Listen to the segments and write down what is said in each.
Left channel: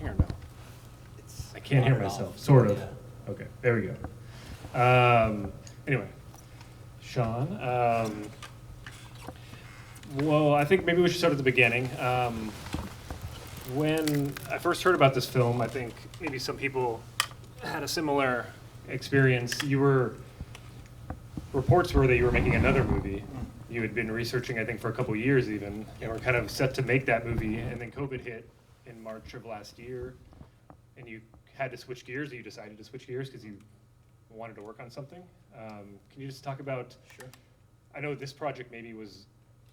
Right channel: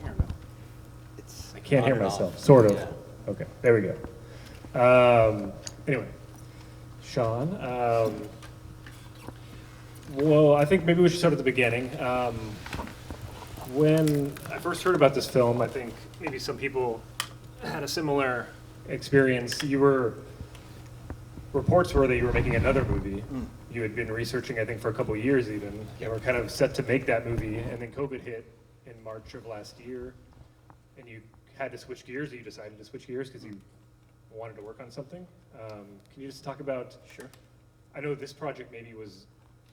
I don't know. I can't on hear and off. myself, sort of. Yeah. Okay, there we go. Anyway, Sean, well, I think maybe we should start at the beginning. When I first heard about this film, I think maybe some people had a similar experience. Reports were that you were making another movie. You had been researching, I think, for a couple of years even. You were kind of set to make that movie, and then COVID hit in March of last year, and you had to switch gears, or you decided to switch gears because you wanted to work on something. Can you just talk about, Sure. I know this project maybe was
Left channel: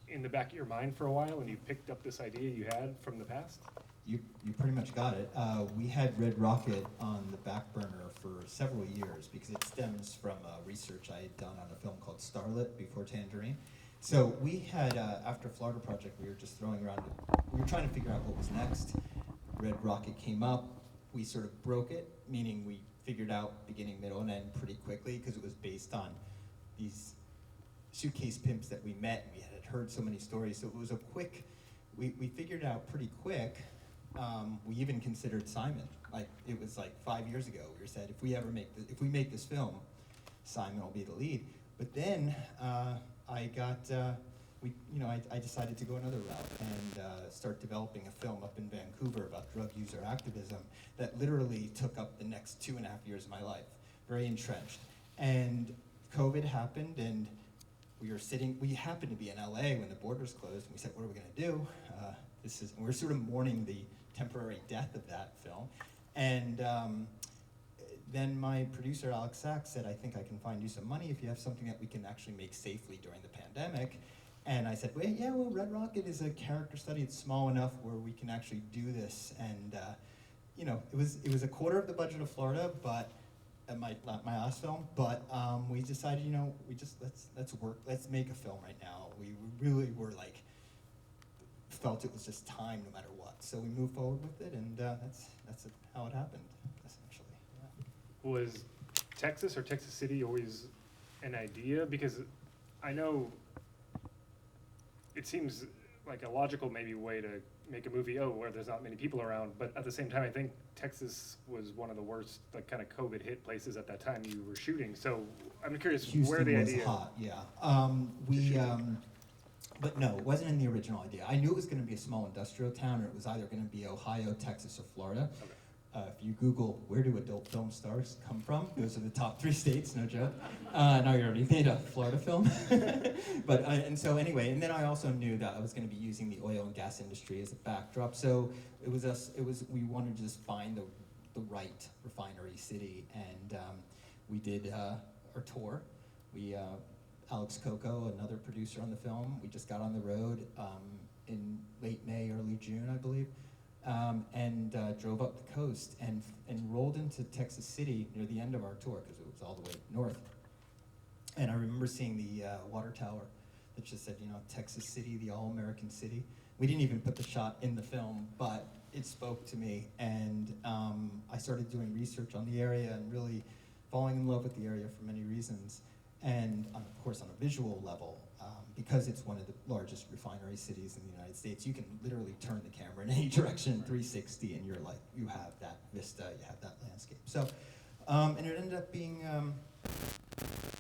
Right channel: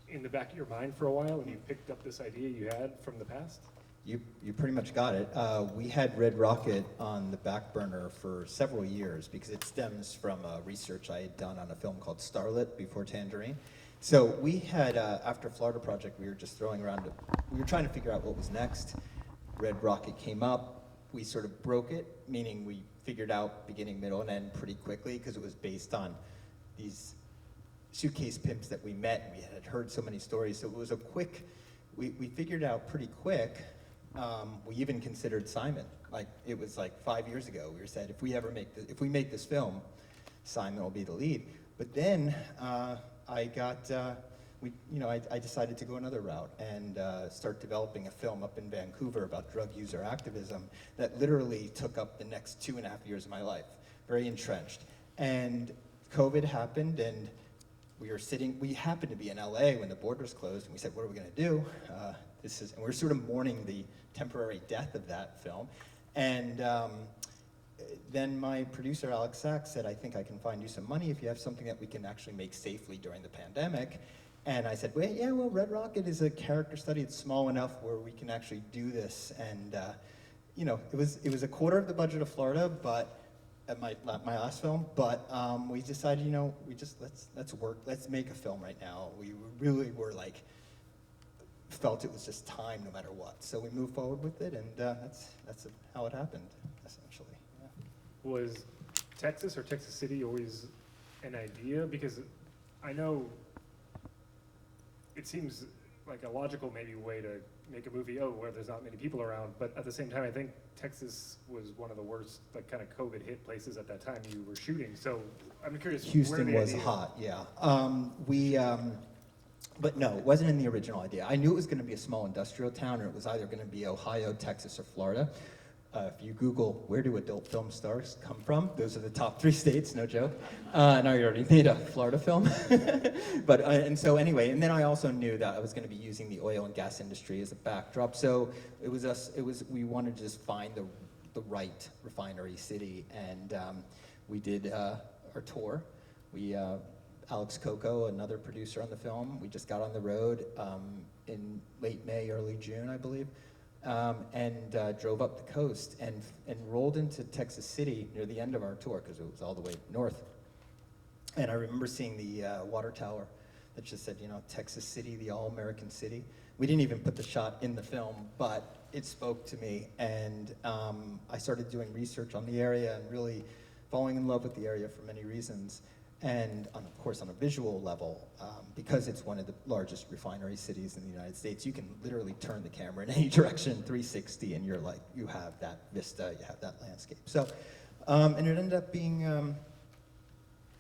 in the back of your mind for a while, and you picked up this idea you had from the past? You pretty much got it. We had Red Rocket on the back burner for several years because it stems from research I had done on a film called Starlet before Tangerine. So we had, after Florida Project, we were just throwing around, we were trying to figure out what was next. Red Rocket came up. We sort of broke it, meaning we figured out beginning, middle, and end pretty quickly because it was based on these suitcase pimps that we met, and we had heard so many stories. So it was a quick, we figured out pretty quick. We even considered Simon. Like, it was like 5 years ago. We said, if we make this film, Simon will be the lead. But then I decided to go another route and start developing a film up in Vancouver about drug user activism that literally took up the next 2.5 years of my life, very entrenched. And COVID happened, and we happened to be in LA when the borders closed, and we said, what are we gonna do? And we're sort of mourning the temporary death of that film. And then my producer, Alex Sachs, said, I think I can find you some money if you have something that we can actually make safely during the pandemic. And I said, well, Red Rocket is a character study. It's small enough where we can actually do this. And it was a quarter of the budget of Florida, but at my last film. But we decided, let's make a film right now. We really were like, felt it was just time no matter what. So we moved forward with it, and that's how it happened, essentially. Yeah. Was Texas or Texas City always an idea? Because I know it seems like a logical maybe way to make a movie, where there's not many people around, but at the same time, I think Texas was one of the worst, like, kind of COVID hit places at that time you were shooting. So I'm curious where the idea... Houston was hot, yeah. But no, it wasn't in the original idea. I knew it was going to be a small industrial town, or it was either going to be Ohio, Texas, or Florida. If you Google, where do adult film stars come from? Those are the top 3 states, no joke. And I already made a Florida film. But, and then I also knew that I was going to be using the oil and gas industry as a backdrop. So we wanted to just find the right refinery city. And we did our tour. Alex Coco, another producer on the film, we just got on the road in late May, early June, I believe, and drove up the coast and rolled into Texas City near the end of our tour because it was all the way north. And I remember seeing the water tower that just said, Texas City, the all-American city. We didn't even put the shot in the film, but it spoke to me, and I started doing research on the area and really falling in love with the area for many reasons. And of course, on a visual level, because it's one of the largest refinery cities in the United States, you can literally turn the camera in any direction, 360, and you're like, you have that vista, you have that landscape. So, and it ended up being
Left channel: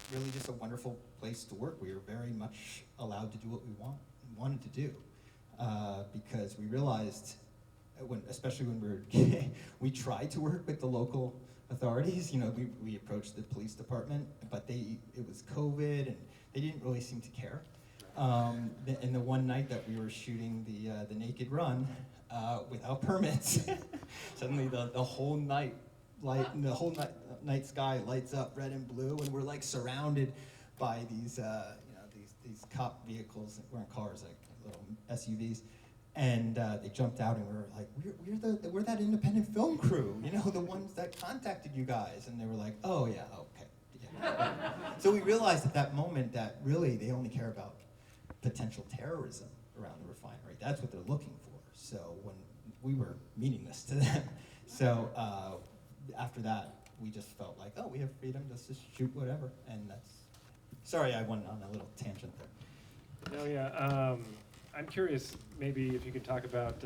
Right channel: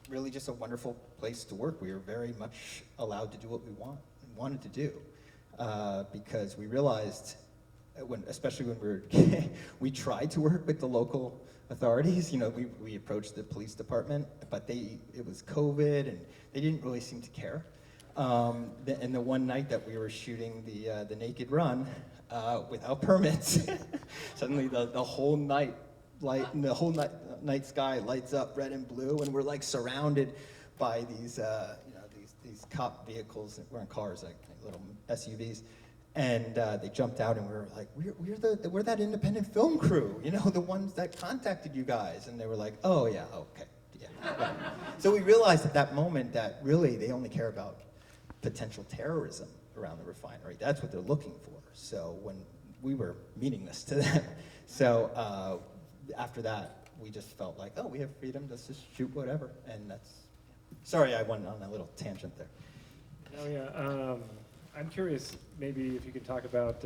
really just a wonderful place to work. We were very much allowed to do what we wanted to do, because we realized, especially when we tried to work with the local authorities. We approached the police department, but it was COVID, and they didn't really seem to care. And the one night that we were shooting the Naked Run without permits, suddenly the whole night night sky lights up red and blue, and we're like surrounded by these these cop vehicles. We're in cars, like little SUVs. And they jumped out, and we were like, we're that independent film crew, the ones that contacted you guys. And they were like, oh yeah, okay, yeah. So we realized at that moment that really they only care about potential terrorism around the refinery. That's what they're looking for. So when we were meaningless to them. So after that, we just felt like, we have freedom, let's just shoot whatever. And sorry I went on a little tangent there. No, yeah. I'm curious, maybe if you could talk about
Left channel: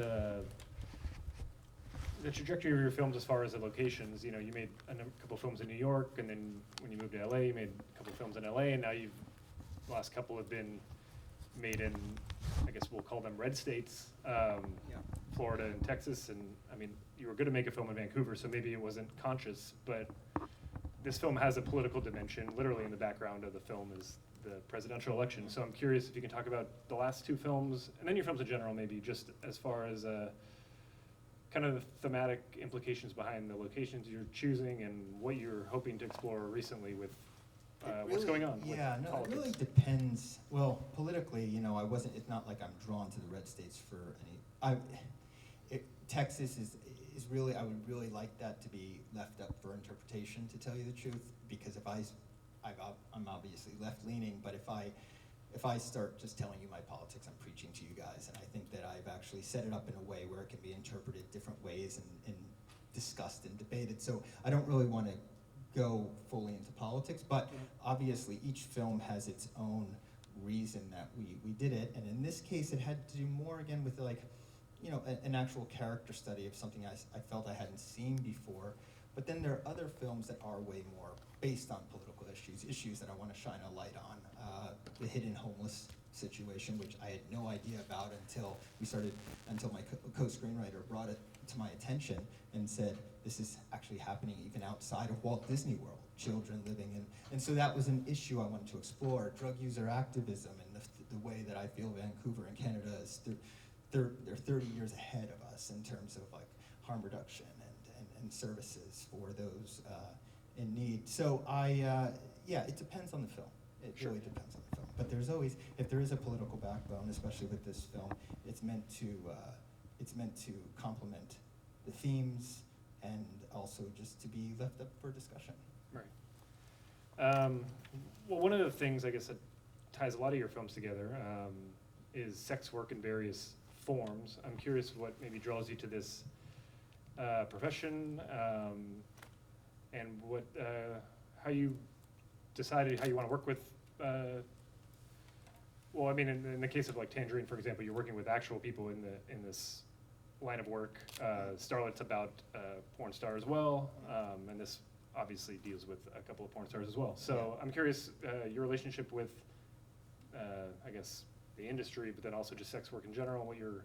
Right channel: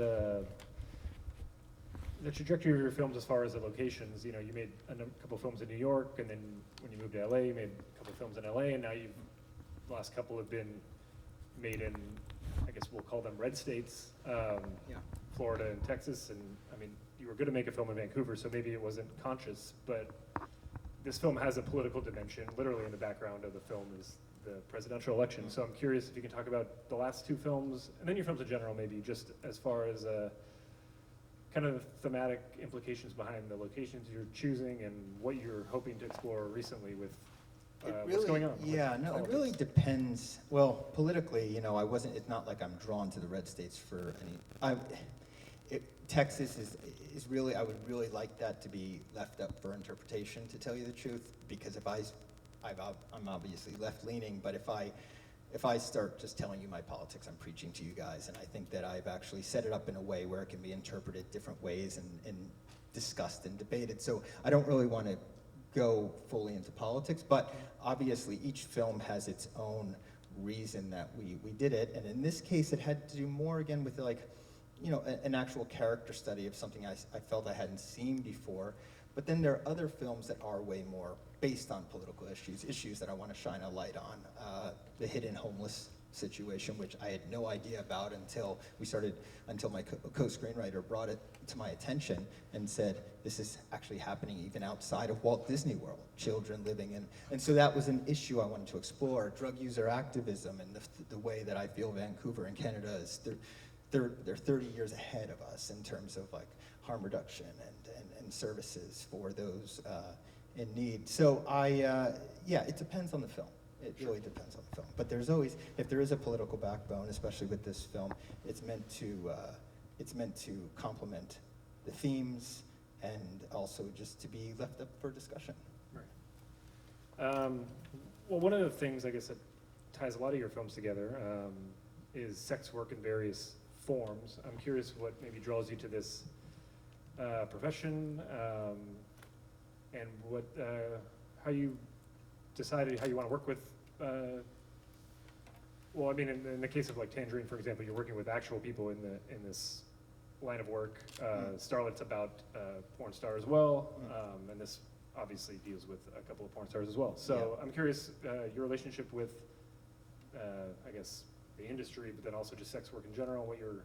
the trajectory of your films as far as the locations. You know, you made a couple films in New York, and then when you moved to LA, you made a couple films in LA, and now the last couple have been made in, I guess we'll call them red states, Florida and Texas. And I mean, you were going to make a film in Vancouver, so maybe it wasn't conscious, but this film has a political dimension. Literally in the background of the film is the presidential election. So I'm curious if you can talk about the last two films, and then your films in general, maybe just as far as kind of thematic implications behind the locations you're choosing and what you're hoping to explore recently with what's going on. Yeah, no, it really depends. Well, politically, you know, it's not like I'm drawn to the red states for any, Texas is really, I would really like that to be left up for interpretation, to tell you the truth, because I'm obviously left-leaning, but if I start just telling you my politics, I'm preaching to you guys, and I think that I've actually set it up in a way where it can be interpreted different ways and discussed and debated. So I don't really want to go fully into politics, but obviously each film has its own reason that we did it, and in this case it had to do more again with like, you know, an actual character study of something I felt I hadn't seen before. But then there are other films that are way more based on political issues that I want to shine a light on. The hidden homeless situation, which I had no idea about until my co-screenwriter brought it to my attention and said, this is actually happening even outside of Walt Disney World, children living in. And so that was an issue I wanted to explore, drug user activism, and the way that I feel Vancouver and Canada is, they're 30 years ahead of us in terms of like harm reduction and services for those in need. So it depends on the film. It really depends on the film. But there's always, if there is a political backbone, especially with this film, it's meant to complement the themes and also just to be left up for discussion. Right. Well, one of the things I guess that ties a lot of your films together is sex work in various forms. I'm curious what maybe draws you to this profession, and what how you decided how you want to work with. Well, I mean, in the case of like Tangerine, for example, you're working with actual people in this line of work. Starlet's about porn star as well, and this obviously deals with a couple of porn stars as well. So I'm curious your relationship with, I guess, the industry, but then also just sex work in general, what you're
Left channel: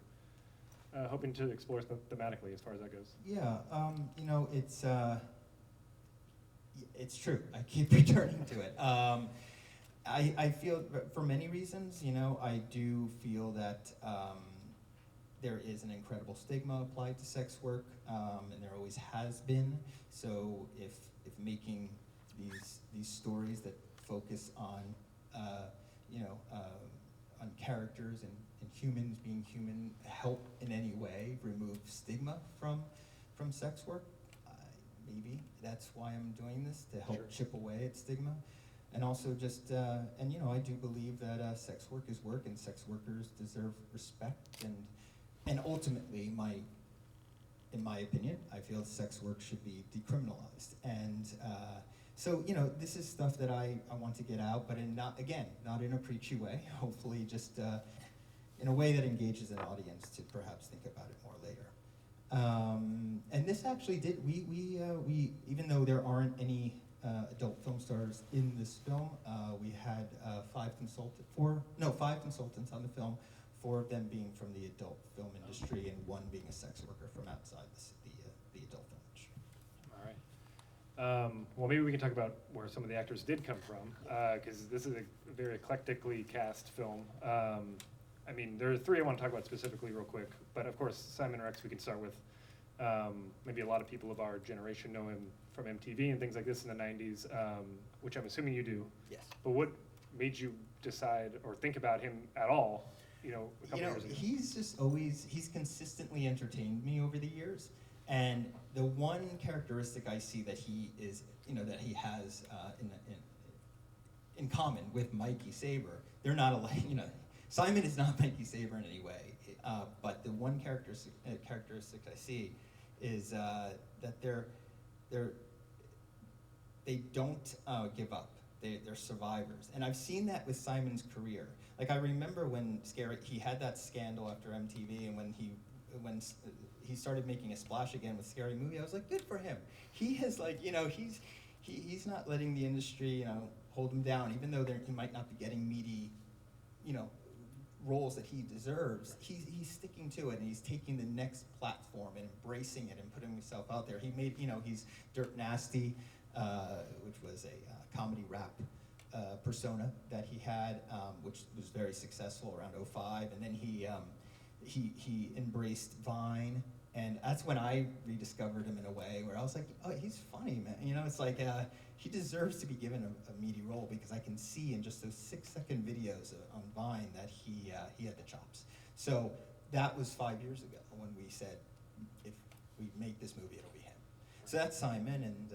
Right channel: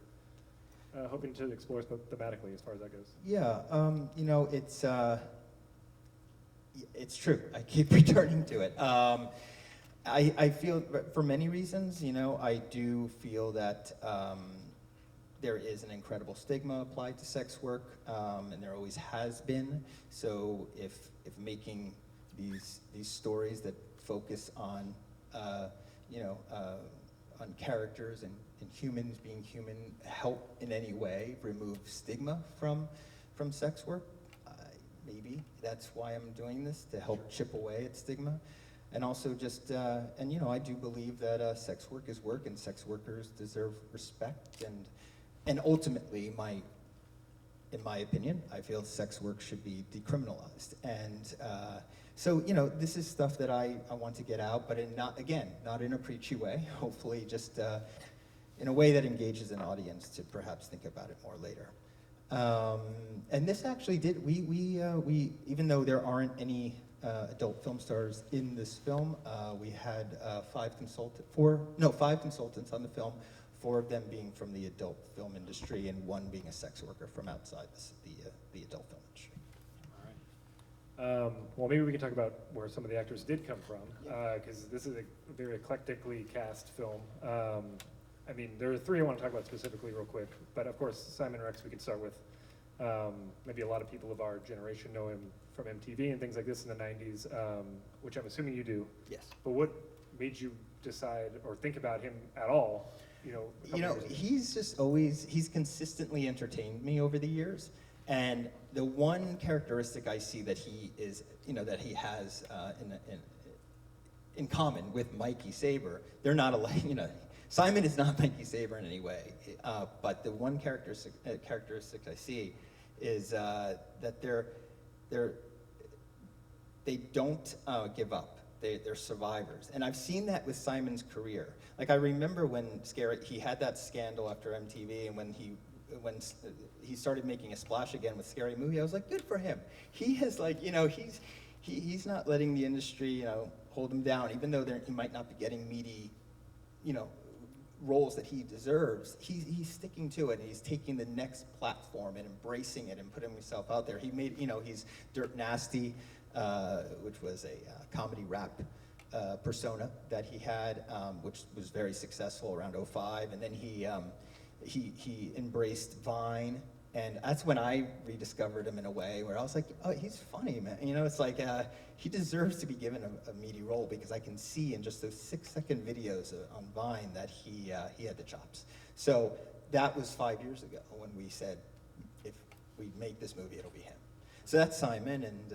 hoping to explore thematically as far as that goes. Yeah, you know, it's true. I keep returning to it. I feel, for many reasons, you know, I do feel that there is an incredible stigma applied to sex work, and there always has been. So if making these stories that focus on, on characters and humans being human help in any way remove stigma from sex work, maybe that's why I'm doing this, to help chip away at stigma. And also just, and you know, I do believe that sex work is work, and sex workers deserve respect, and ultimately, in my opinion, I feel sex work should be decriminalized. And so, you know, this is stuff that I want to get out, but not in a preachy way, hopefully just in a way that engages an audience to perhaps think about it more later. And this actually did, we even though there aren't any adult film stars in this film, we had 5 consultants on the film, 4 of them being from the adult film industry and 1 being a sex worker from outside the adult film industry. All right. Well, maybe we can talk about where some of the actors did come from, because this is a very eclectically cast film. I mean, there are 3 I want to talk about specifically real quick, but of course, Simon Rex we can start with. Maybe a lot of people of our generation know him from MTV and things like this in the 90s, which I'm assuming you do. Yes. But what made you decide or think about him at all, you know, a couple years ago? He's just always, he's consistently entertained me over the years. And the one characteristic I see that he is, you know, that he has in common with Mikey Saber, they're not alike, you know. Simon is not Mikey Saber in any way, but the one characteristic I see is that they don't give up. They're survivors, and I've seen that with Simon's career. Like I remember when he had that scandal after MTV, and when he when he started making a splash again with Scary Movie, I was like, good for him. He has like, you know, he's not letting the industry, you know, hold him down, even though he might not be getting meaty, you know, roles that he deserves. He's sticking to it, and he's taking the next platform and embracing it and putting himself out there. He made, you know, he's Dirt Nasty, which was a comedy rap persona that he had, which was very successful around '05, and then he embraced Vine, and that's when I rediscovered him in a way where I was like, oh, he's funny, man. You know, it's like he deserves to be given a meaty role, because I can see in just those 6-second videos on Vine that he had the chops. So that was 5 years ago when we said, if we make this movie, it'll be him. So that's Simon, and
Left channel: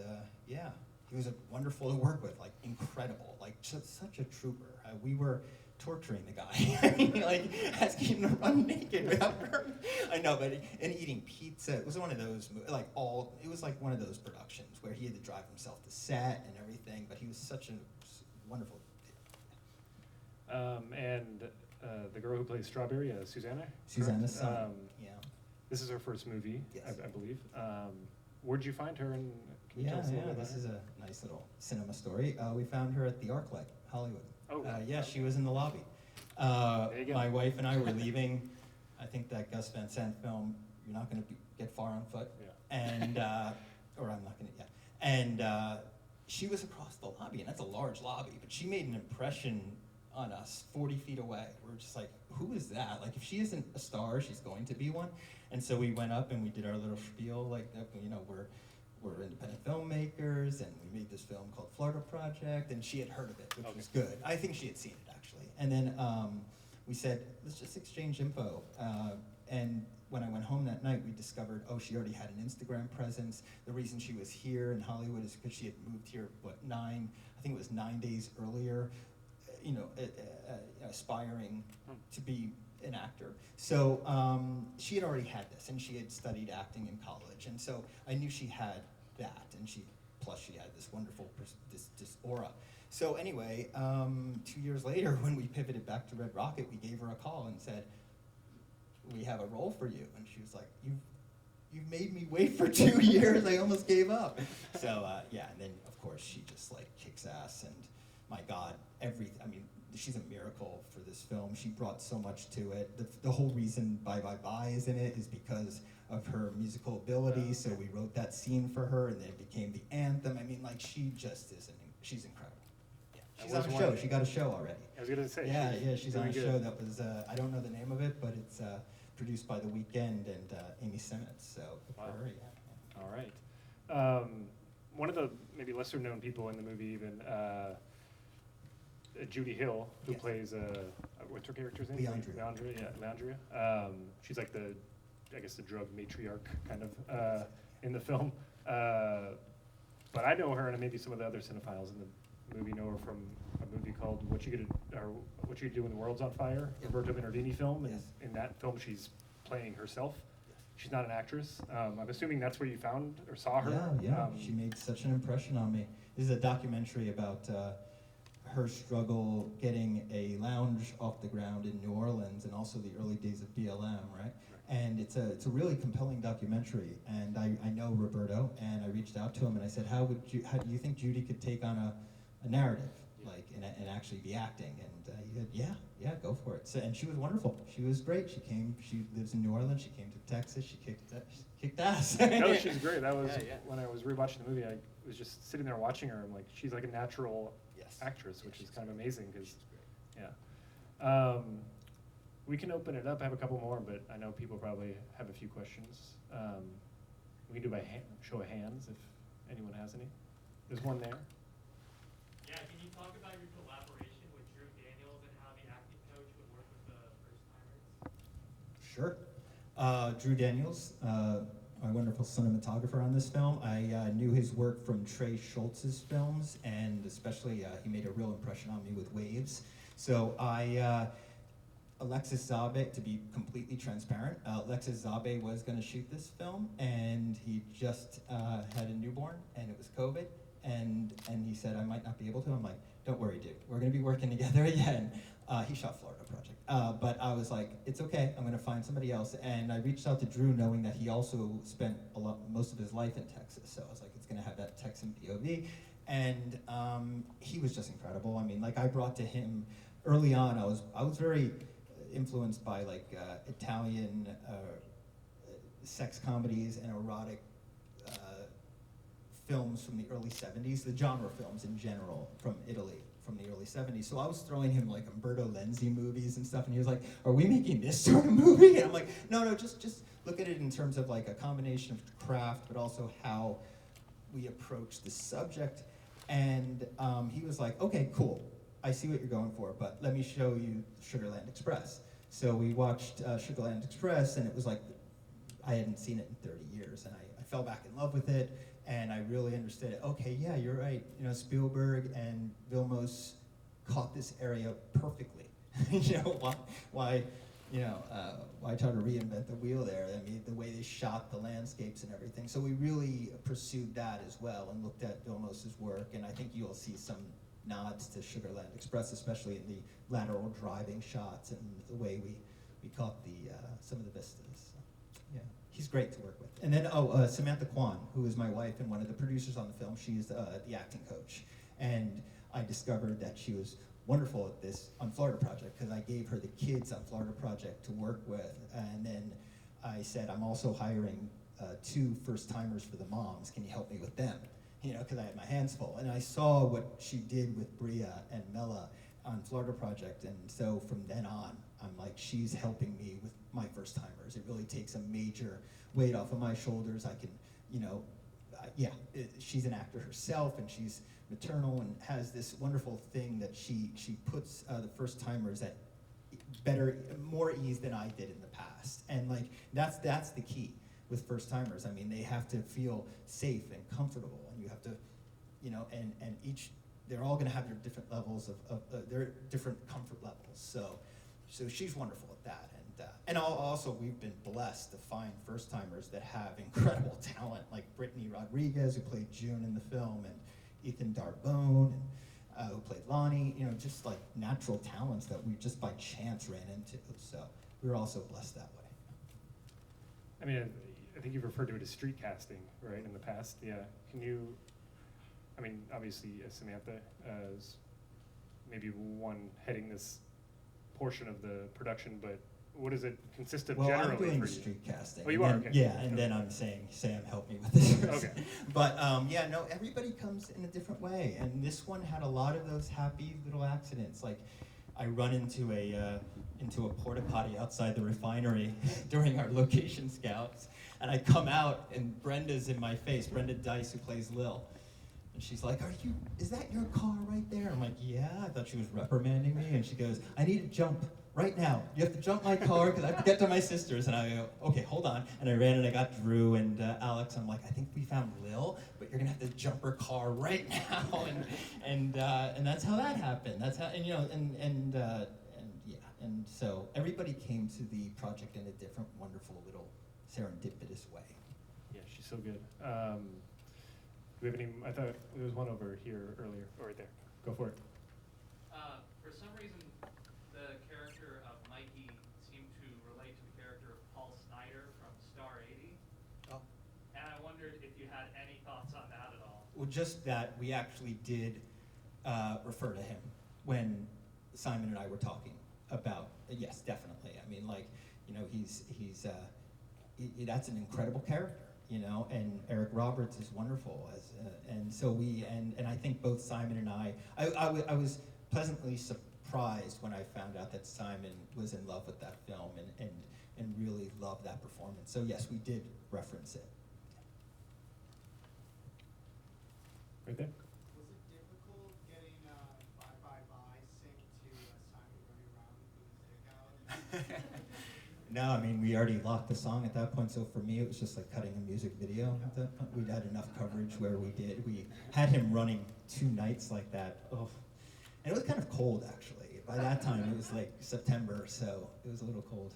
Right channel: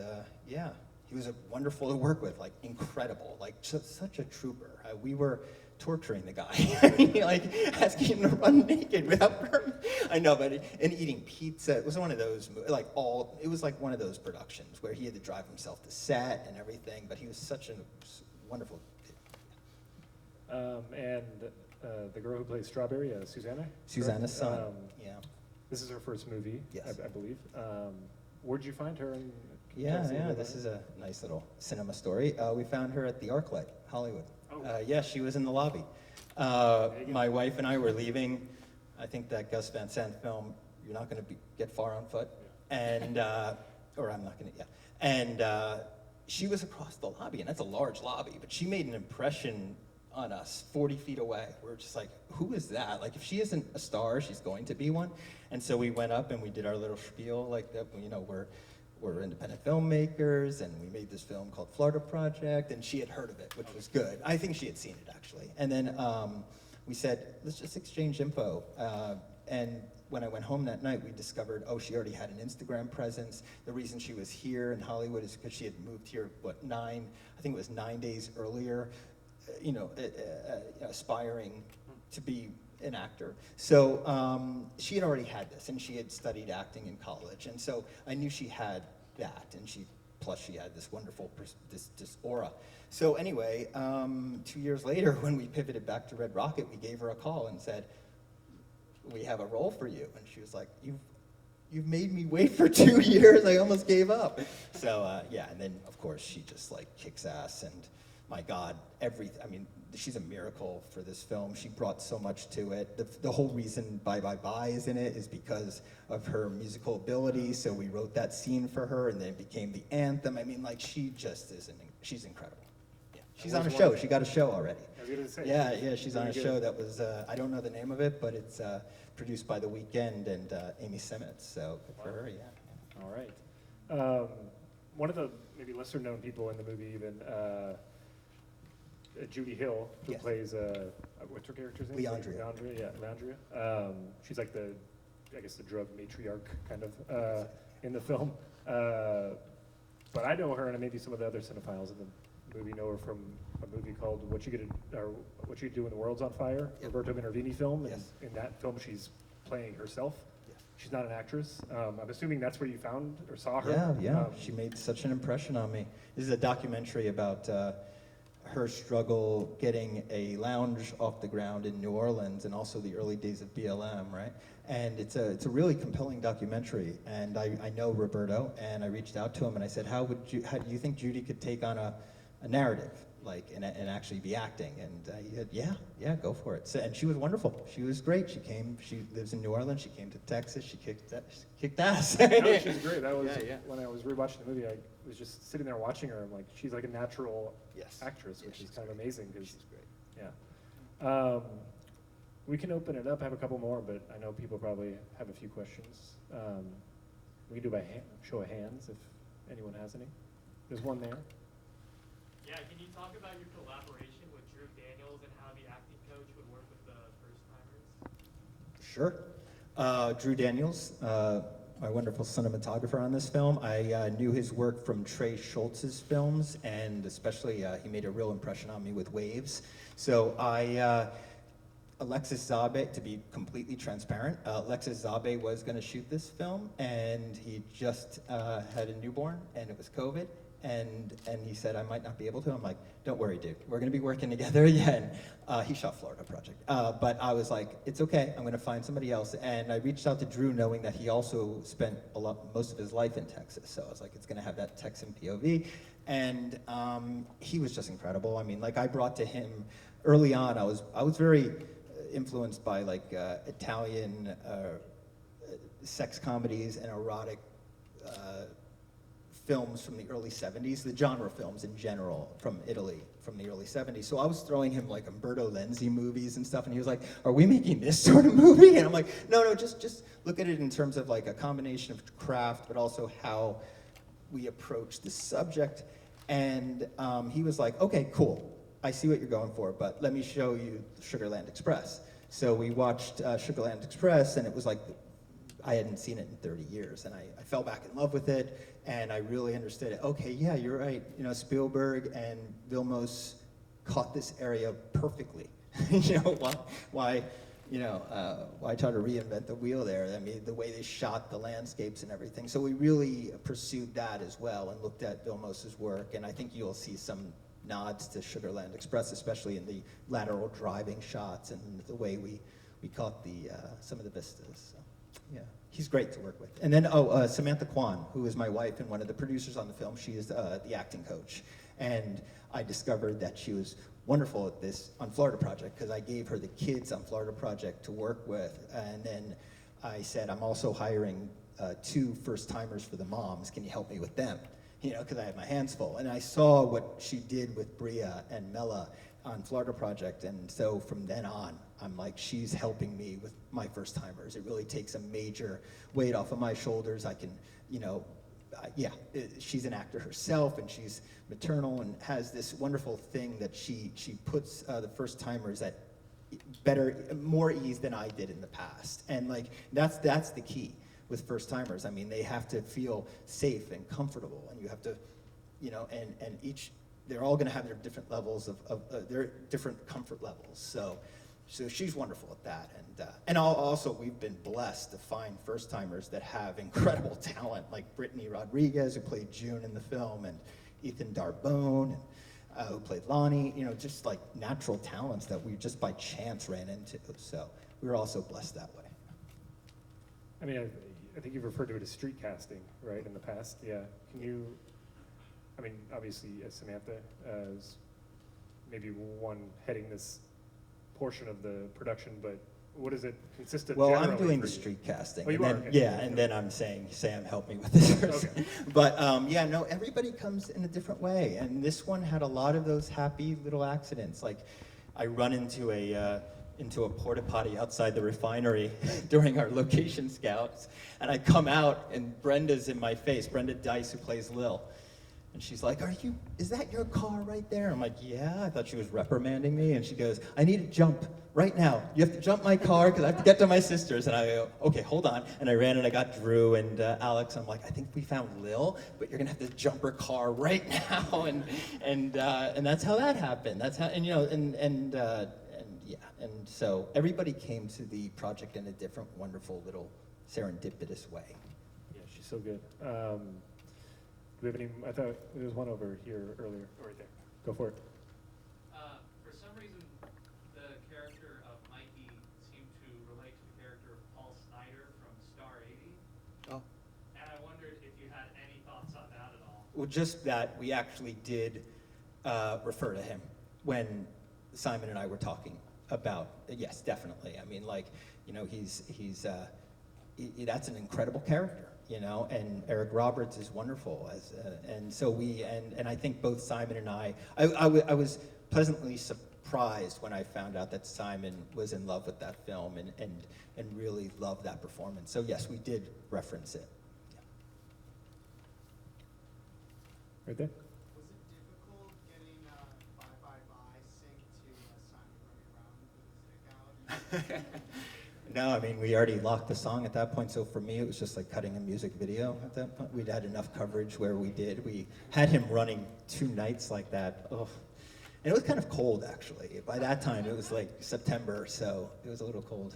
yeah, he was wonderful to work with, like incredible, like such a trooper. We were torturing the guy. I mean, like asking him to run naked without permit. I know, but and eating pizza. It was one of those, it was like one of those productions where he had to drive himself to set and everything. But he was such a wonderful. And the girl who plays Strawberry, Susanna. Susanna's son. Yeah. This is her first movie, Yes. I believe. Where'd you find her? And can you tell us a little bit This about is a nice little cinema story. We found her at the ArcLight, Hollywood. Oh. Yeah, she was in the lobby. There you go. My wife and I were leaving, I think that Gus Van Sant film, You're Not Gonna Get Far on Foot. Yeah. And, or I'm not gonna, yeah. And she was across the lobby, and that's a large lobby, but she made an impression on us 40 feet away. We're just like, who is that? Like, if she isn't a star, she's going to be one. And so we went up and we did our little spiel, like that, you know, we're independent filmmakers, and we made this film called Florida Project, and she had heard of it, which was good. I think she had seen it, actually. And then we said, let's just exchange info. And when I went home that night, we discovered, oh, she already had an Instagram presence. The reason she was here in Hollywood is because she had moved here, I think it was 9 days earlier, you know, aspiring to be an actor. So she had already had this, and she had studied acting in college, and so I knew she had that, and plus she had this wonderful this aura. So anyway, 2 years later, when we pivoted back to Red Rocket, we gave her a call and said, we have a role for you, and she was like, you've made me wait for 2 years. I almost gave up. So yeah, and then of course she just like kicks ass, and my God, I mean, she's a miracle for this film. She brought so much to it. The whole reason Bye Bye Bye is in it is because of her musical ability. So we wrote that scene for her, and then it became the anthem. I mean, like, she just she's incredible. Yeah, she's on a show. She got a show already. I was gonna say. Yeah, she's on a good. show that was, I don't know the name of it, but it's produced by The Weeknd and Amy Simmons. So good for her, yeah. All right. One of the maybe lesser known people in the movie even, Judy Hill, who Yes. plays, what's her character's name? Leandria. She's like the drug matriarch kind of in the film. But I know her, and maybe some of the other cinephiles in the movie know her from a movie called What You Do When the World's on Fire, Yep. Roberto Benigni film. Yes. And in that film, she's playing herself. Yes. She's not an actress. I'm assuming that's where you found or saw her. Yeah. She made such an impression on me. This is a documentary about her struggle getting a lounge off the ground in New Orleans, and also the early days of BLM, right? And it's a really compelling documentary. And I know Roberto, and I reached out to him and I said, how do you think Judy could take on a narrative, like, and actually be acting? And he said, yeah, go for it. So, and she was wonderful. She was great. She lives in New Orleans. She came to Texas. She kicked ass. No, she's great. That was Yeah. when I was rewatching the movie. I was just sitting there watching her. I'm like, she's like a natural Yes. actress, Yeah, which is she's kind of great. amazing. Cause, She's great. yeah. We can open it up. I have a couple more, but I know people probably have a few questions. We can do by show of hands if anyone has any. There's one there. Yeah, can you talk about your collaboration with Drew Daniels and how the acting coach would work with the first timers? Sure. Drew Daniels, my wonderful cinematographer on this film. I knew his work from Trey Schultz's films, and especially he made a real impression on me with Waves. So Alexis Zabe, to be completely transparent, Alexis Zabe was going to shoot this film, and he just had a newborn, and it was COVID, and he said I might not be able to. I'm like, don't worry, dude. We're gonna be working together again. He shot Florida Project, but I was like, it's okay. I'm gonna find somebody else. And I reached out to Drew, knowing that he also spent most of his life in Texas. So I was like, it's gonna have that Texan POV, and he was just incredible. I mean, like I brought to him early on. I was very influenced by like Italian sex comedies and erotic films from the early 70s, the genre films in general from Italy from the early 70s. So I was throwing him like Umberto Lenzi movies and stuff, and he was like, are we making this sort of movie? And I'm like, no, just look at it in terms of like a combination of craft, but also how we approach the subject. And he was like, okay, cool. I see what you're going for, but let me show you Sugarland Express. So we watched Sugarland Express, and it was like, I hadn't seen it in 30 years, and I fell back in love with it, and I really understood it. Okay, yeah, you're right. You know, Spielberg and Vilmos caught this area perfectly. You know, why try to reinvent the wheel there? I mean, the way they shot the landscapes and everything. So we really pursued that as well and looked at Vilmos's work, and I think you'll see some nods to Sugarland Express, especially in the lateral driving shots and the way we caught some of the vistas. So, yeah, he's great to work with. And then, Samantha Kwan, who is my wife and one of the producers on the film, she is the acting coach. And I discovered that she was wonderful at this on Florida Project, because I gave her the kids on Florida Project to work with. And then I said, I'm also hiring 2 first-timers for the moms. Can you help me with them? You know, because I had my hands full. And I saw what she did with Bria and Mela on Florida Project, and so from then on, I'm like, she's helping me with my first timers. It really takes a major weight off of my shoulders. I can, you know, she's an actor herself, and she's maternal and has this wonderful thing that she puts the first timers at more ease than I did in the past. And like, that's the key with first timers. I mean, they have to feel safe and comfortable, and you have to, you know, and they're all gonna have their different levels of their different comfort levels. So she's wonderful at that. And also, we've been blessed to find first timers that have incredible talent, like Brittany Rodriguez, who played June in the film, and Ethan Darbone, who played Lonnie, you know, just like natural talents that we just by chance ran into. So we were also blessed that way. I mean, I think you've referred to it as street casting, right, in the past. Yeah. Can you, I mean, obviously Samantha is maybe one heading this portion of the production, but what does it consist of generally? Well, I'm doing for the you? street casting. Oh, you are? Then, Okay. Yeah, and then I'm saying, Sam, help me with this. Okay. But yeah, no, everybody comes in a different way, and this one had a lot of those happy little accidents. Like, I run into a porta potty outside the refinery during our location scouts, and I come out, and Brenda's in my face, Brenda Dice, who plays Lil. And she's like, is that your car right there? I'm like, yeah. I thought she was reprimanding me. And she goes, I need to jump right now. You have to jump my car because I have to get to my sister's. And I go, okay, hold on. And I ran and I got Drew and Alex. I'm like, I think we found Lil, but you're gonna have to jump her car right now. And that's how that happened. That's how, and you know, and yeah. And so everybody came to the project in a different, wonderful little serendipitous way. Yeah, she's so good. Do we have any, I thought there was one over here earlier, or right there. Go for it. For some reason, the character of Mikey seemed to relate to the character of Paul Snyder from Star 80. Oh. And I wondered if you had any thoughts on that at all. Well, just that we actually did refer to him when Simon and I were talking about, yes, definitely. I mean, like, you know, he's that's an incredible character, you know, and Eric Roberts is wonderful and so and I think both Simon and I was pleasantly surprised when I found out that Simon was in love with that film and really loved that performance. So yes, we did reference it. Yeah. Right there. Was it difficult getting Bye Bye Bye synced to Simon running around with his dick out? No, I mean, we already locked the song at that point, so for me, it was just like cutting a music video at that point. We'd had enough coverage where we had him running 2 nights like that. Oh. And it was kind of cold, actually. By that time, it was like September, so it was a little cold.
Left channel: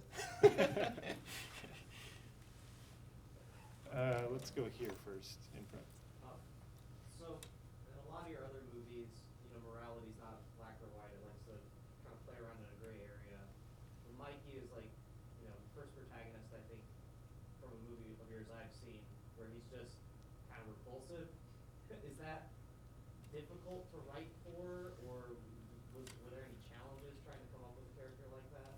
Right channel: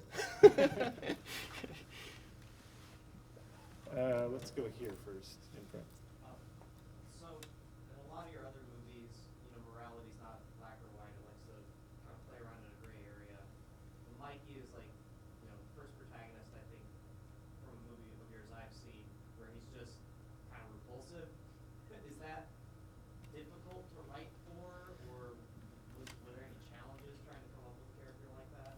Let's go here first, in front. So, lot of your other movies, morality's not black or white. It likes to kind of play around in a gray area. And Mikey is like, the first protagonist, I think, from a movie of yours I've seen, where he's just kind of repulsive. Is that difficult to write for, or were there any challenges trying to come up with a character like that?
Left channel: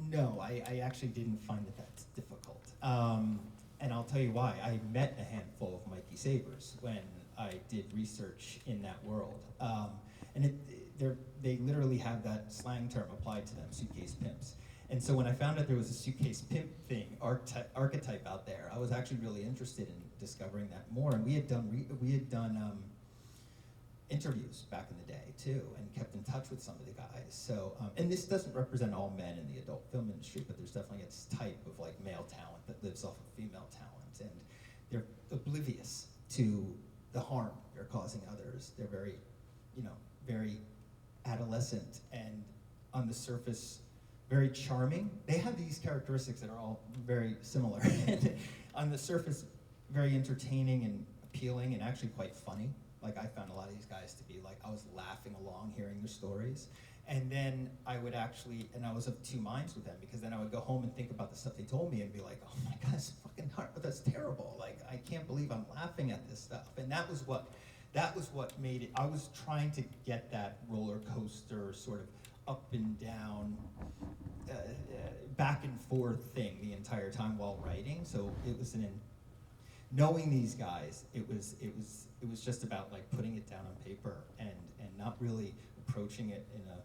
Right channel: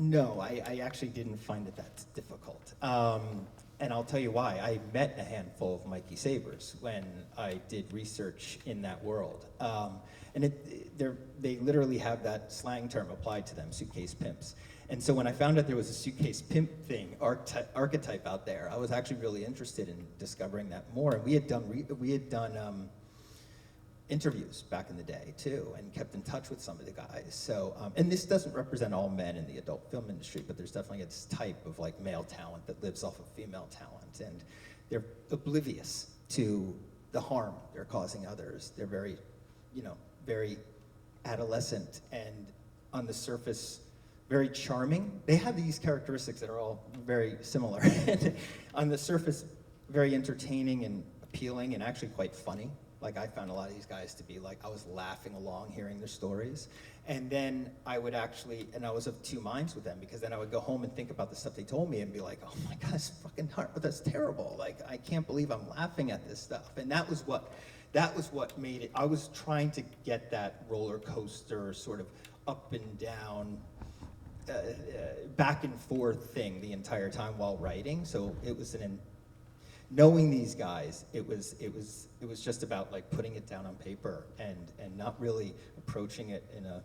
No, I actually didn't find it that difficult. And I'll tell you why. I met a handful of Mikey Sabers when I did research in that world. And they literally have that slang term applied to them, suitcase pimps. And so when I found out there was a suitcase pimp thing, archetype out there, I was actually really interested in discovering that more. And we had done interviews back in the day too, and kept in touch with some of the guys. So, and this doesn't represent all men in the adult film industry, but there's definitely a type of like male talent that lives off of female talent, and they're oblivious to the harm they're causing others. They're very, very adolescent and on the surface very charming. They have these characteristics that are all very similar. On the surface, very entertaining and appealing and actually quite funny. Like I found a lot of these guys to be like, I was laughing along hearing their stories. And then I would actually, and I was of two minds with them, because then I would go home and think about the stuff they told me and be like, oh my God, that's fucking hard, that's terrible. Like, I can't believe I'm laughing at this stuff. And that was what made it. I was trying to get that roller coaster sort of up and down, back and forth thing the entire time while writing. So it was knowing these guys, it was just about like putting it down on paper and not really approaching it in a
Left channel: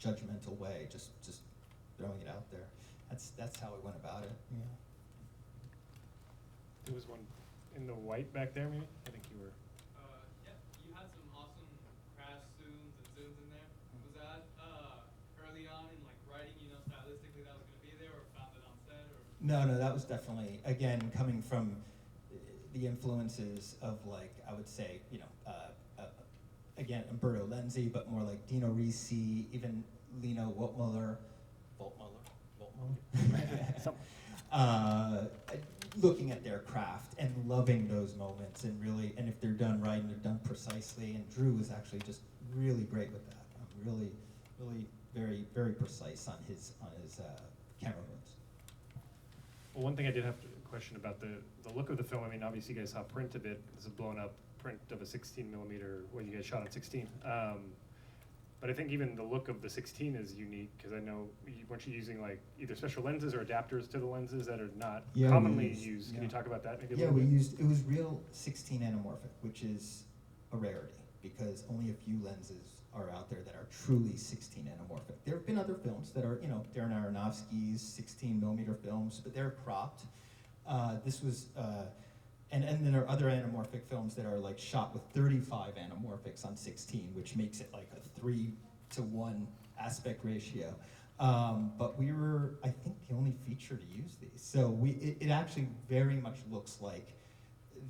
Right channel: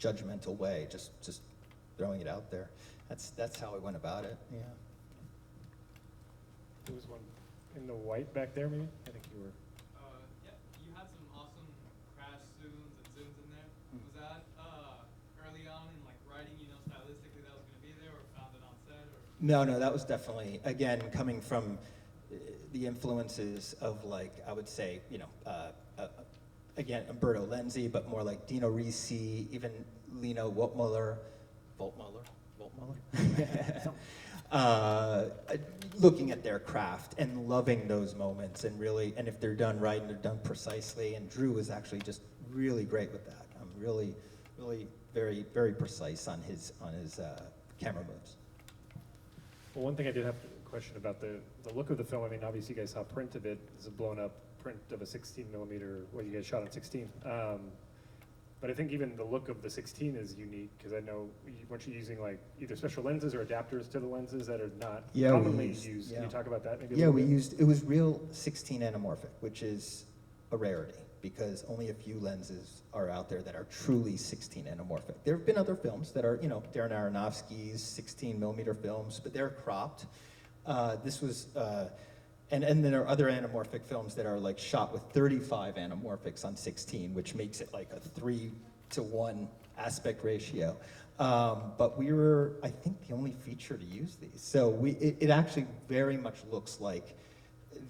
judgmental way, just throwing it out there. That's how I went about it. Yeah. There was one in the white back there, maybe? I think you were. Yeah, you had some awesome crash zooms and zooms in there. Was that early on in like writing, stylistically that was going to be there, or found it on set? Or? No, that was definitely, again, coming from the influences of like, I would say, again, Umberto Lenzi, but more like Dino Risi, even Lino Woltmuller, looking at their craft and loving those moments, and really, and if they're done right and they're done precisely, and Drew is actually just really great with that. I'm really very, very precise on his camera moves. Well, one thing I did have a question about the look of the film. I mean, obviously you guys saw print of it. It's a blown up print of a 16 millimeter, what you guys shot on 16. But I think even the look of the 16 is unique, because I know, weren't you using like either special lenses or adapters to the lenses that are not commonly used? Yeah. Can you talk about that maybe a Yeah, little bit? it was real 16 anamorphic, which is a rarity, because only a few lenses are out there that are truly 16 anamorphic. There have been other films that are, Darren Aronofsky's 16 millimeter films, but they're cropped. This was, and then there are other anamorphic films that are like shot with 35 anamorphics on 16, which makes it like a 3-to-1 aspect ratio. But we were, I think, the only feature to use these. So it actually very much looks like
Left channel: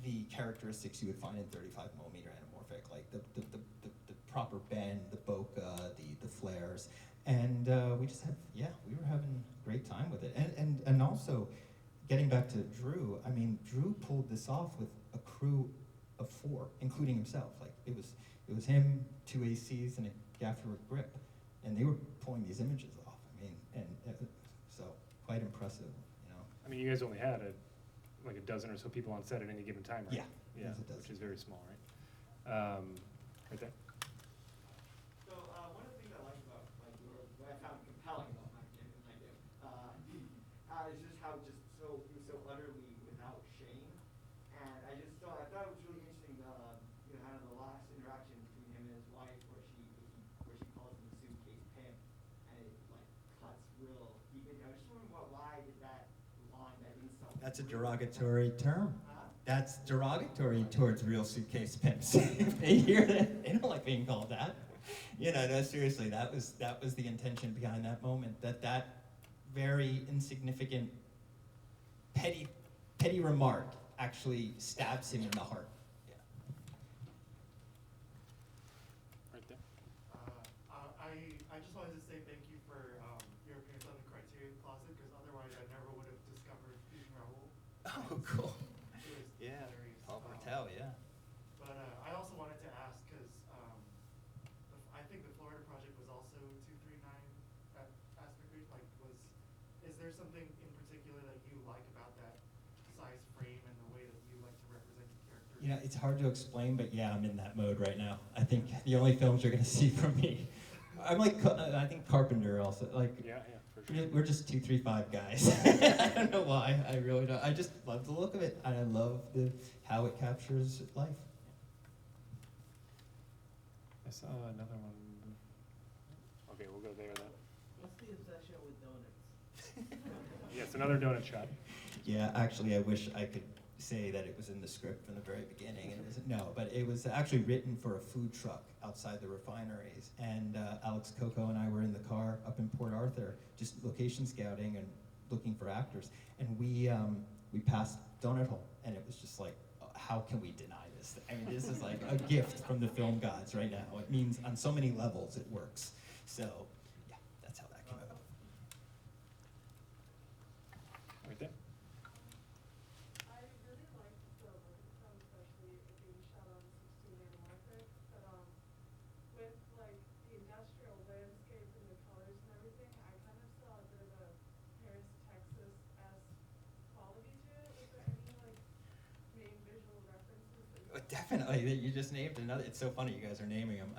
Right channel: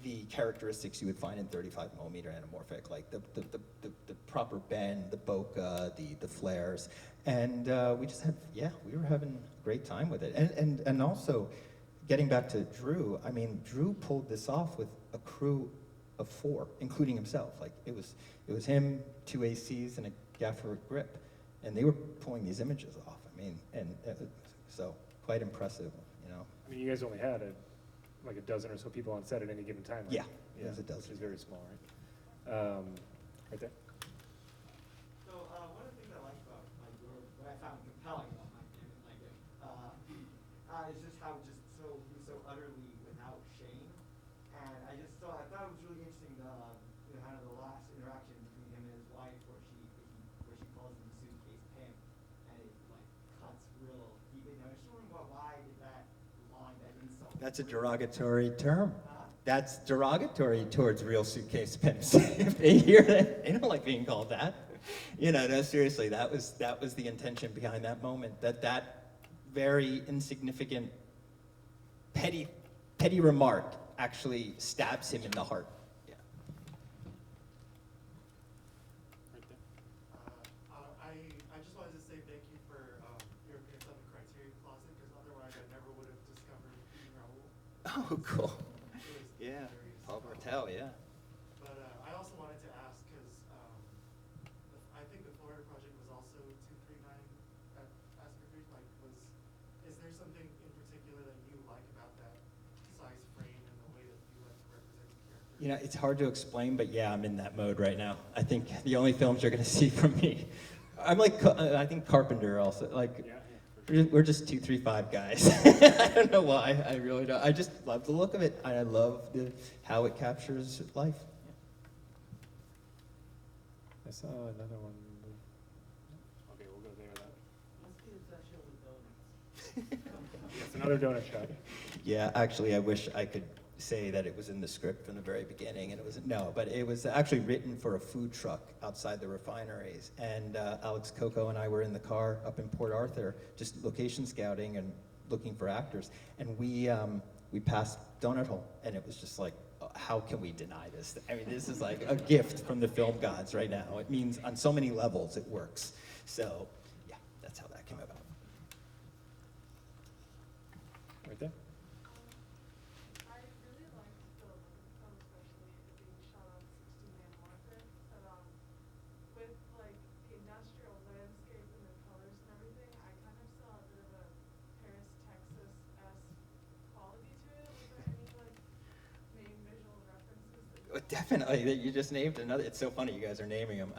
the characteristics you would find in 35 millimeter anamorphic, like the proper bend, the bokeh, the flares. And we just had, we were having a great time with it. And also, getting back to Drew, I mean, Drew pulled this off with a crew of 4, including himself. Like, it was him, 2 ACs, and a gaffer grip. And they were pulling these images off. I mean, so quite impressive, I mean, you guys only had like a dozen or so people on set at any given time, right? Yeah, it was a dozen. Which is very small, right? Right there. So one of the things I like about what I found compelling about is just how he was so utterly without shame, and I thought it was really interesting kind of the last interaction between him and his wife, where she calls him the suitcase pimp, and it like cuts real deep. I was just wondering why did that line, that insult? That's a derogatory term. Huh? That's derogatory towards real suitcase pimps. If they hear that, they don't like being called that. No, seriously, that was the intention behind that moment. That very insignificant, petty remark actually stabs him in the heart. Yeah. Right there. I just wanted to say thank you for your appearance on the Criterion Closet, because otherwise I never would have discovered Raoul. Oh, cool. It was Yeah, hilarious. Paul Bartel, yeah. You know, it's hard to explain, but yeah, I'm in that mode right now. I think the only films you're gonna see from me, I'm like, I think Carpenter also, like, Yeah, for sure. we're just 2-3-5 guys. I don't know why, I really don't. I just love the look of it. I love how it captures life. I saw another one. Okay, we'll go there then. What's the obsession with donuts? Yes, another donut shot. Yeah, actually, I wish I could say that it was in the script from the very beginning, and it was no, but it was actually written for a food truck outside the refineries. And Alex Coco and I were in the car up in Port Arthur, just location scouting and looking for actors, and we passed Donut Hole, and it was just like, how can we deny this? I mean, this is like a gift from the film gods right now. It means on so many levels it works. So, yeah, that's how that came about. Right there. I really liked the look of the film, especially it being shot on 16 anamorphic. But with like the industrial landscape and the colors and everything, I kind of saw a bit of a Paris, Texas-esque quality to it. Was there any like main visual references that you Definitely, you just named another. It's so funny you guys are naming them.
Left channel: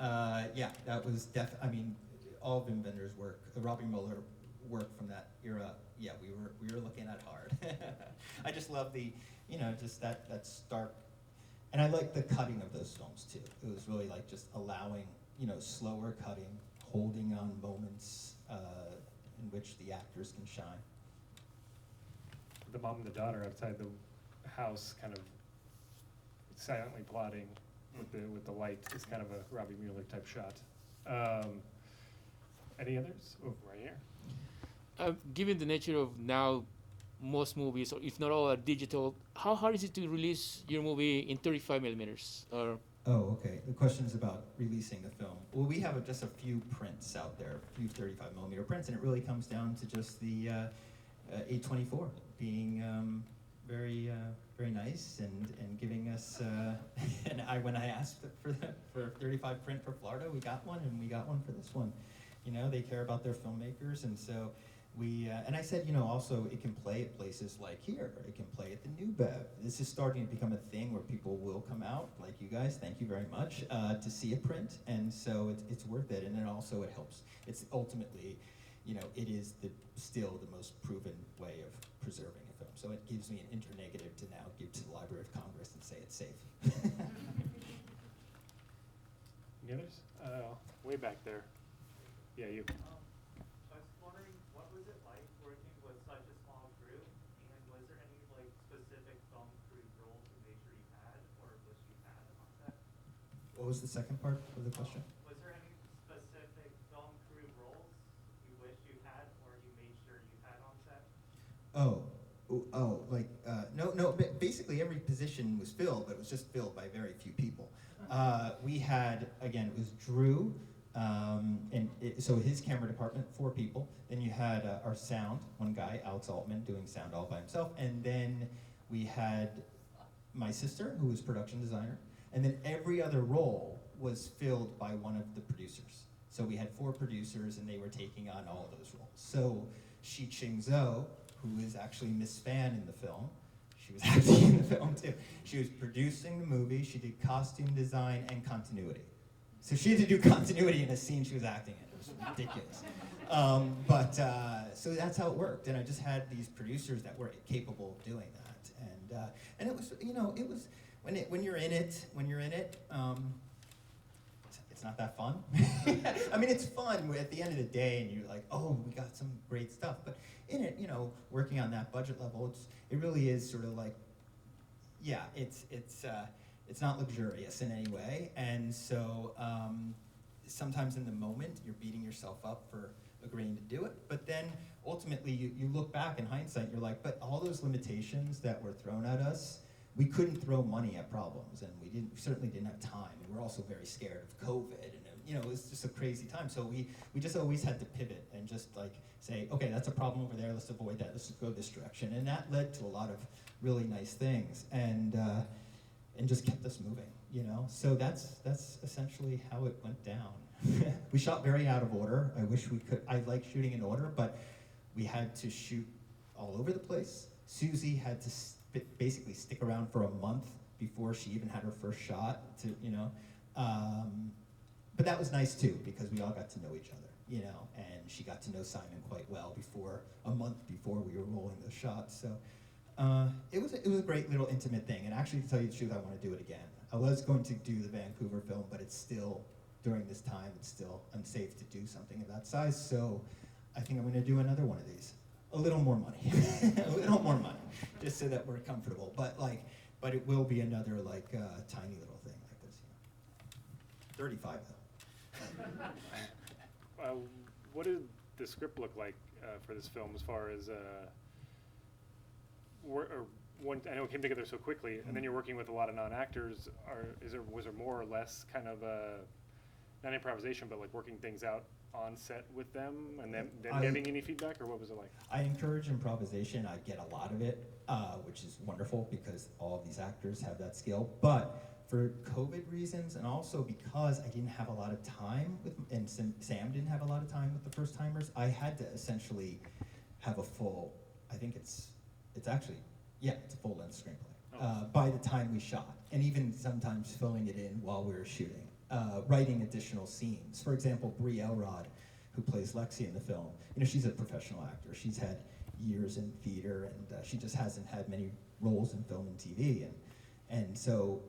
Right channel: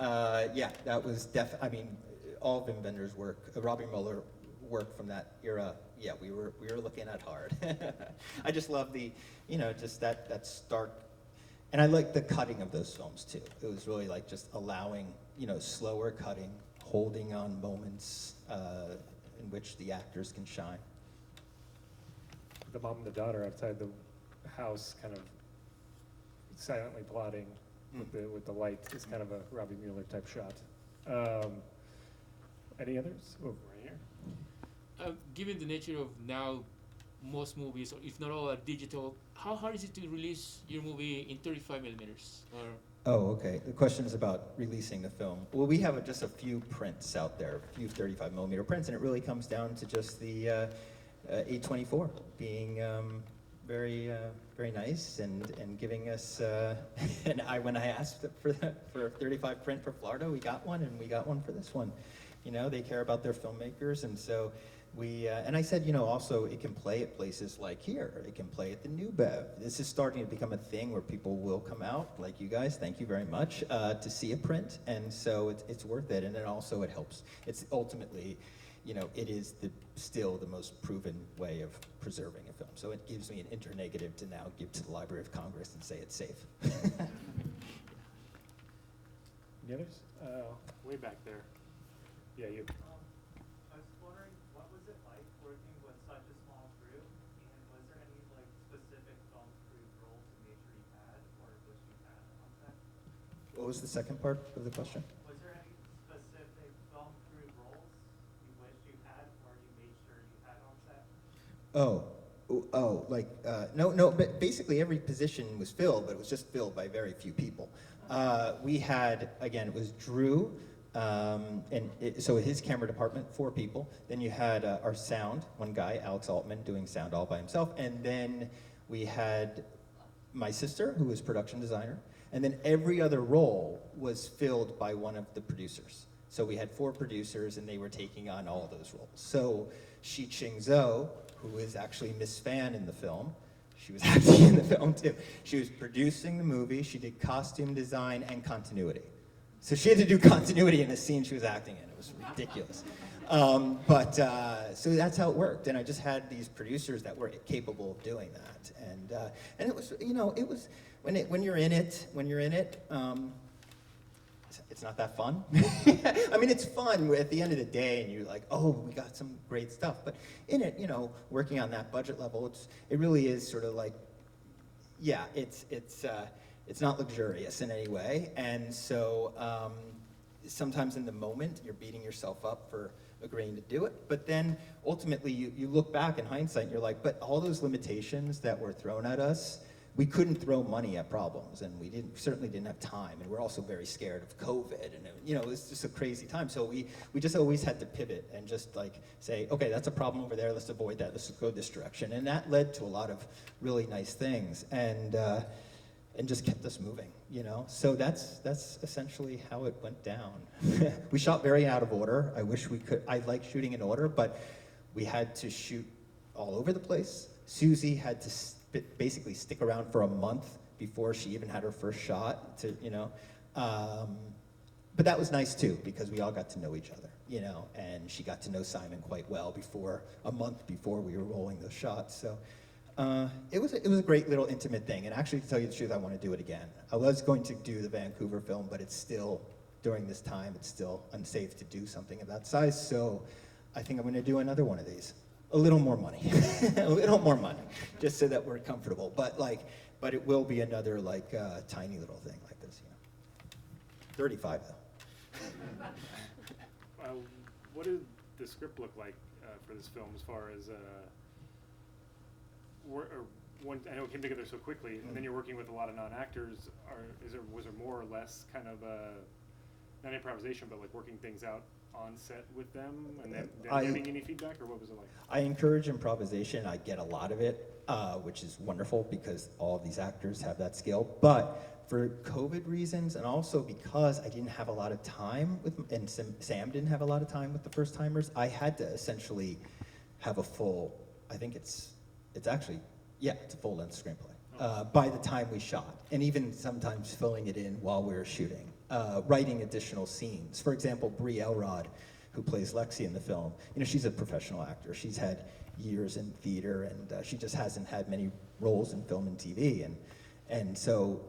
Yeah, that was I mean, all Bim Bender's work, Robbie Mueller work from that era. Yeah, we were looking at hard. I just love the, you know, just that stark, and I like the cutting of those films too. It was really like just allowing, you know, slower cutting, holding on moments in which the actors can shine. The mom and the daughter outside the house, kind of silently plotting with the light, is kind of a Robbie Mueller type shot. Any others? Oh, right here. Given the nature of now most movies, or if not all, are digital, how hard is it to release your movie in 35 millimeters? Or Oh, okay. The question is about releasing the film. Well, we have just a few prints out there, a few 35 millimeter prints, and it really comes down to just the 824 being very nice and giving us. And when I asked for a 35 print for Florida, we got one, and we got one for this one. You know, they care about their filmmakers, and so. And I said, you know, also it can play at places like here. It can play at the New Bev. This is starting to become a thing where people will come out, like you guys, thank you very much, to see a print. And so it's worth it. And then also it helps. It's ultimately, you know, it is still the most proven way of preserving a film. So it gives me an internegative to now give to the Library of Congress and say it's safe. Any others? Way back there. Yeah, you. I was wondering, what was it like working with such a small crew, and was there any like specific film crew roles you made sure you had, or wish you had on set? What was the second part of the question? Was there any specific film crew roles you wish you had, or you made sure you had on set? No, but basically every position was filled, but it was just filled by very few people. We had, again, it was Drew, so his camera department, 4 people. Then you had our sound, one guy, Alex Altman, doing sound all by himself. And then we had my sister, who was production designer. And then every other role was filled by one of the producers. So we had 4 producers, and they were taking on all of those roles. So Shi Ching-zo, who is actually Miss Fan in the film, she was acting in the film too. She was producing the movie. She did costume design and continuity. So she had to do continuity in a scene she was acting in. It was ridiculous. So that's how it worked. And I just had these producers that were capable of doing that. And it was, you know, it was when you're in it, it's not that fun. I mean, it's fun at the end of the day, and you're like, oh, we got some great stuff. But in it, you know, working on that budget level, it really is sort of like, yeah, it's not luxurious in any way. And so sometimes in the moment, you're beating yourself up for agreeing to do it. But then ultimately, you look back in hindsight, and you're like, but all those limitations that were thrown at us, we couldn't throw money at problems, and we certainly didn't have time, and we're also very scared of COVID, and you know, it was just a crazy time. So we just always had to pivot and just like say, okay, that's a problem over there, let's avoid that, let's go this direction. And that led to a lot of really nice things, and just kept us moving, you know? So that's essentially how it went down. We shot very out of order. I wish we could, I like shooting in order, but we had to shoot all over the place. Susie had to basically stick around for a month before she even had her first shot. But that was nice too, because we all got to know each other, and she got to know Simon quite well a month before we were rolling those shots. So it was a great little intimate thing. And actually, to tell you the truth, I want to do it again. I was going to do the Vancouver film, but it's still, during this time, it's still unsafe to do something of that size. So I think I'm going to do another one of these. A little more money, a little more money, just so that we're comfortable. But it will be another tiny little thing like this. 35 though. What did the script look like for this film as far as I know it came together so quickly, and then you're working with a lot of non-actors. Was there more or less kind of not improvisation, but like working things out on set with them, and them getting any feedback, or what was it like? I encourage improvisation. I get a lot of it, which is wonderful because all of these actors have that skill. But for COVID reasons, and also because I didn't have a lot of time and Sam didn't have a lot of time with the first timers, I had to essentially have a full. I think it's a full length screenplay by the time we shot, and even sometimes filling it in while we were shooting. Writing additional scenes. For example, Brie Elrod, who plays Lexi in the film, she's a professional actor. She's had years in theater, and she just hasn't had many roles in film and TV, and so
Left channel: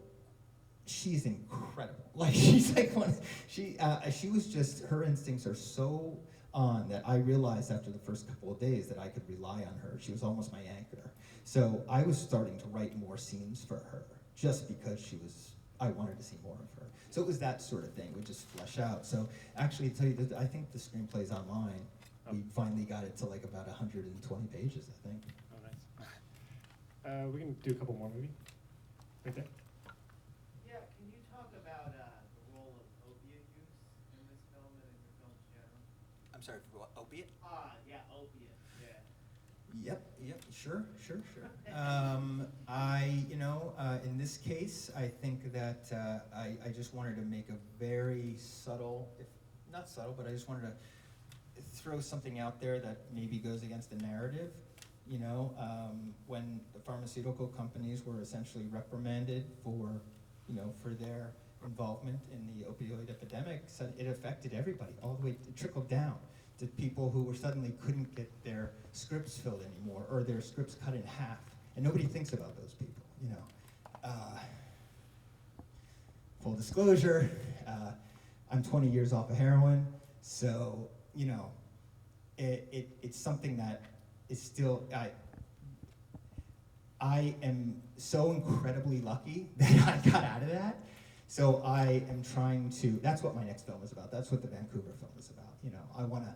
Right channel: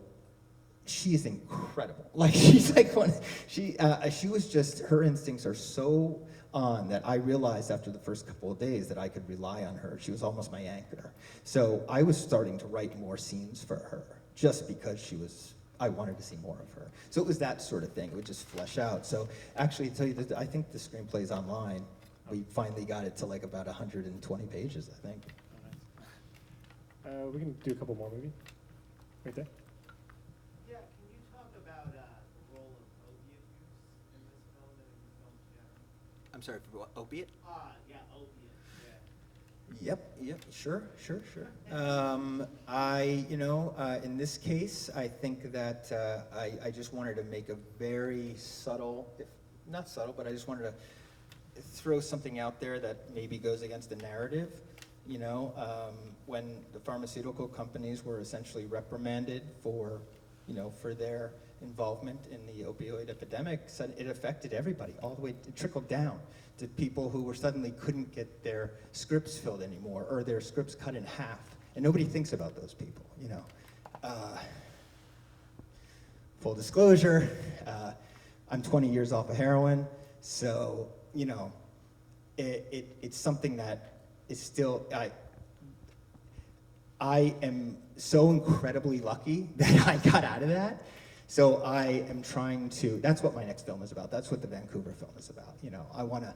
she is incredible. She was just, her instincts are so on that I realized after the first couple of days that I could rely on her. She was almost my anchor. So I was starting to write more scenes for her, just because I wanted to see more of her. So it was that sort of thing. It would just flesh out. So actually, to tell you that, I think the screenplay's online. We finally got it to about 120 pages, I think. Oh, nice. We can do a couple more, maybe. Right there. Yeah, can you talk about the role of opiate use in this film and in your films generally? I'm sorry, for what, opiate? Yeah, opiate, yeah. Yep, sure. In this case, I think that I just wanted to make a very subtle, if not subtle, but I just wanted to throw something out there that maybe goes against the narrative. When the pharmaceutical companies were essentially reprimanded for their involvement in the opioid epidemic, so it affected everybody all the way. It trickled down to people who suddenly couldn't get their scripts filled anymore, or their scripts cut in half, and nobody thinks about those people. Full disclosure, I'm 20 years off of heroin, so it's something that is still. I am so incredibly lucky that I got out of that. So I am trying to. That's what my next film is about. That's what the Vancouver film is about. I want to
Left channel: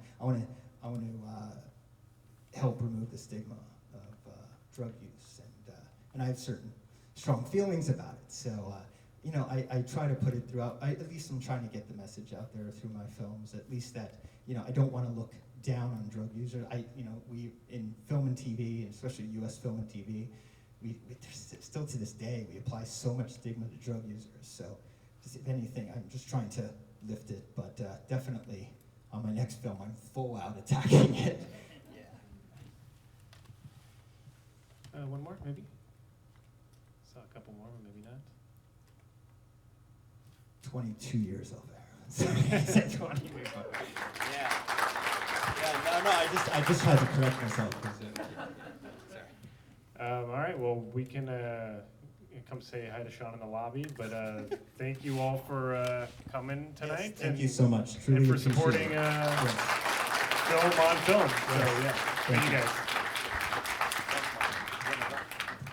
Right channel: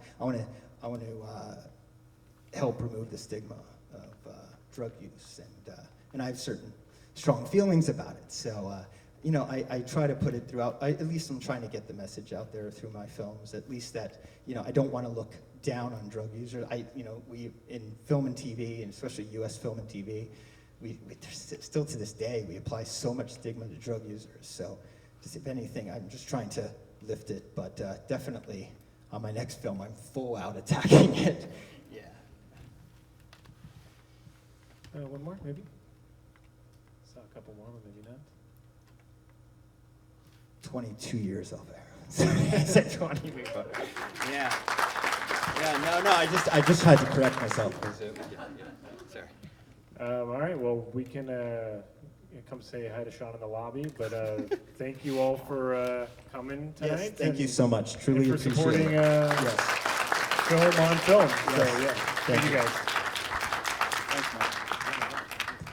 help remove the stigma of drug use, and I have certain strong feelings about it. So I try to put it throughout. At least I'm trying to get the message out there through my films. At least that I don't want to look down on drug users. We in film and TV, and especially U.S. film and TV. We still to this day, we apply so much stigma to drug users. So, just if anything, I'm just trying to lift it. But definitely, on my next film, I'm full out attacking it. Yeah. One more, maybe? Saw a couple more, but maybe not. 22 years off heroin. I said 20. Yeah. Yeah. No. I just had to correct myself. Sorry. All right, well, we can come say hi to Sean in the lobby, but thank you all for coming tonight. Yes, thank you so much. Truly and for appreciate supporting it. film on film. Yes. So, yeah, thank you guys. Thanks, Mark.